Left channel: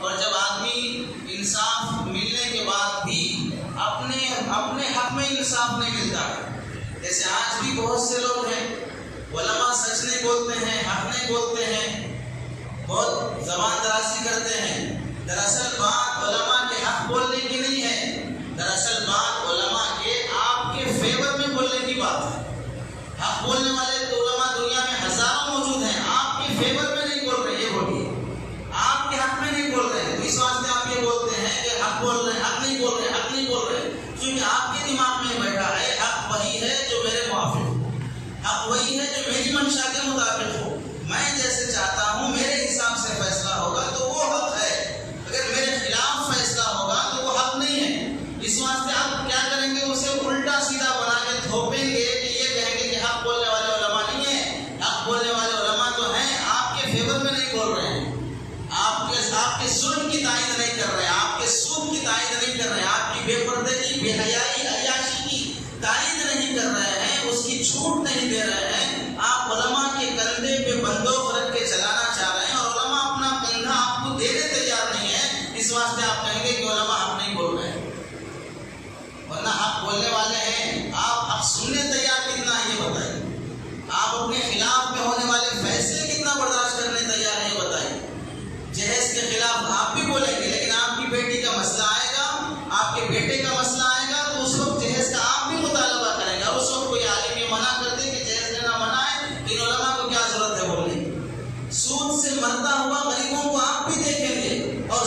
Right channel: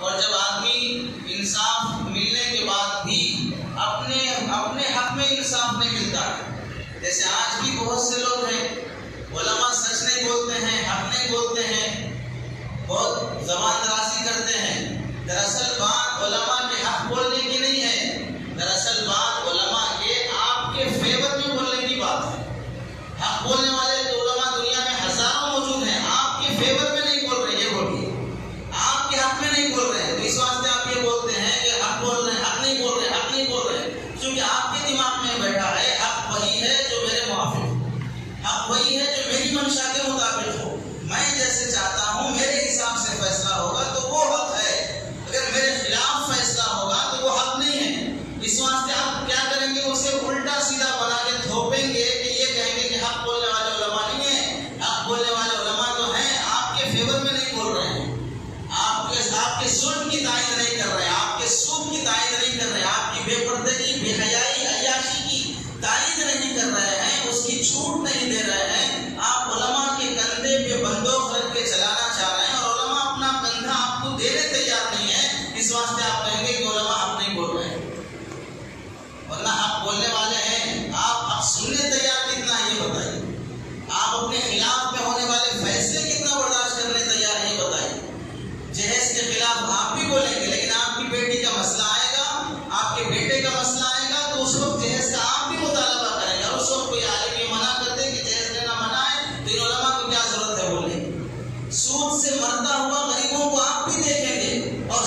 اور جب آدمی انصاف ملنے کے بعد بھی اپنے حق میں انصاف نہیں ملتا ہے، جیسے آج بھی بہت سے لوگ ہیں علماء سچ نہیں بولتے ہیں، حق نہیں بولتے ہیں، بہت زبان درازی کرتے ہیں. دراصل بات علماء کے حق بولنے کی نہیں ہے، دراصل بات علماء کے آپ کے فیور میں بولنے کی بات ہے. حق بولنے والے تو علماء دنیا میں ہزاروں موجود ہیں، آپ کے فیور میں نہیں بول رہے، یہ بولیے آپ کے حق میں نہیں بول رہے ہیں. تو اس واسطے آپ یہ بولتے ہیں کہ حق بول رہے ہیں، حق نہیں بول رہے، حق نہیں بول رہے، کیونکہ آپ کے دماغ میں بیٹھا ہے حق وہی ہے جو میرے موافق ہو، حق وہی ہے جو میری منشا کے مطابق ہو. میں جیسے چاہتا ہوں میرے حساب سے فیصلہ ہوگا تو وہ حق ہے، اگر میرے خلاف فیصلہ ہوگا تو وہ حق نہیں ہے. اس واسطے آپ کیا کریں گے، اسے الٹا سیدھا بنا کے تھوپیں گے کہ یہ کہیں گے کہ حق بولنے والے علماء نہیں ہیں. حق بولنے والے علماء تو ہیں، آپ کے فیور میں نہیں بول رہے ہیں، آپ کے ظلم کی تائید نہیں کر رہے ہیں، آپ کے سود کی تائید نہیں کر رہے ہیں، آپ کی بے پردگی، بے حیائی، عیاشی کی تائید نہیں کر رہے ہیں، اس کی چھوٹ نہیں دے رہے ہیں. آپ علماء کے کندھے پہ بندوق رکھ کے چلانا چاہ رہے ہیں اور علماء اپنا کندھا آپ کو دینے تیار نہیں ہے. اس واسطے آپ کہیں گے کہ علماء حق نہیں بول رہے ہیں، ورنہ حق بولنے والے ہیں. آپ حق سننے تیار کتنا ہے یہ بتائیے، آپ اپنے خلاف میں ہونے والے فیصلے کتنا برداشت کرنے تیار ہے یہ بتائیے. جہیز کے خلاف آپ بھی بولیں گے، لیکن آپ کی بیٹی کا مسئلہ آئے گا، آپ کے بیٹے کا مسئلہ آئے گا تو اس وقت جہیز کا آپ بھی مطالبہ کریں گے. اور اس وقت کوئی عالم یہ منع کر دے کہ جہیز لینا منع ہے تو ان علماء کو کیا ضرورت ہے بولنے. سود سے مرتا ہوا غریبوں کو آپ بھی دیکھیں گے اور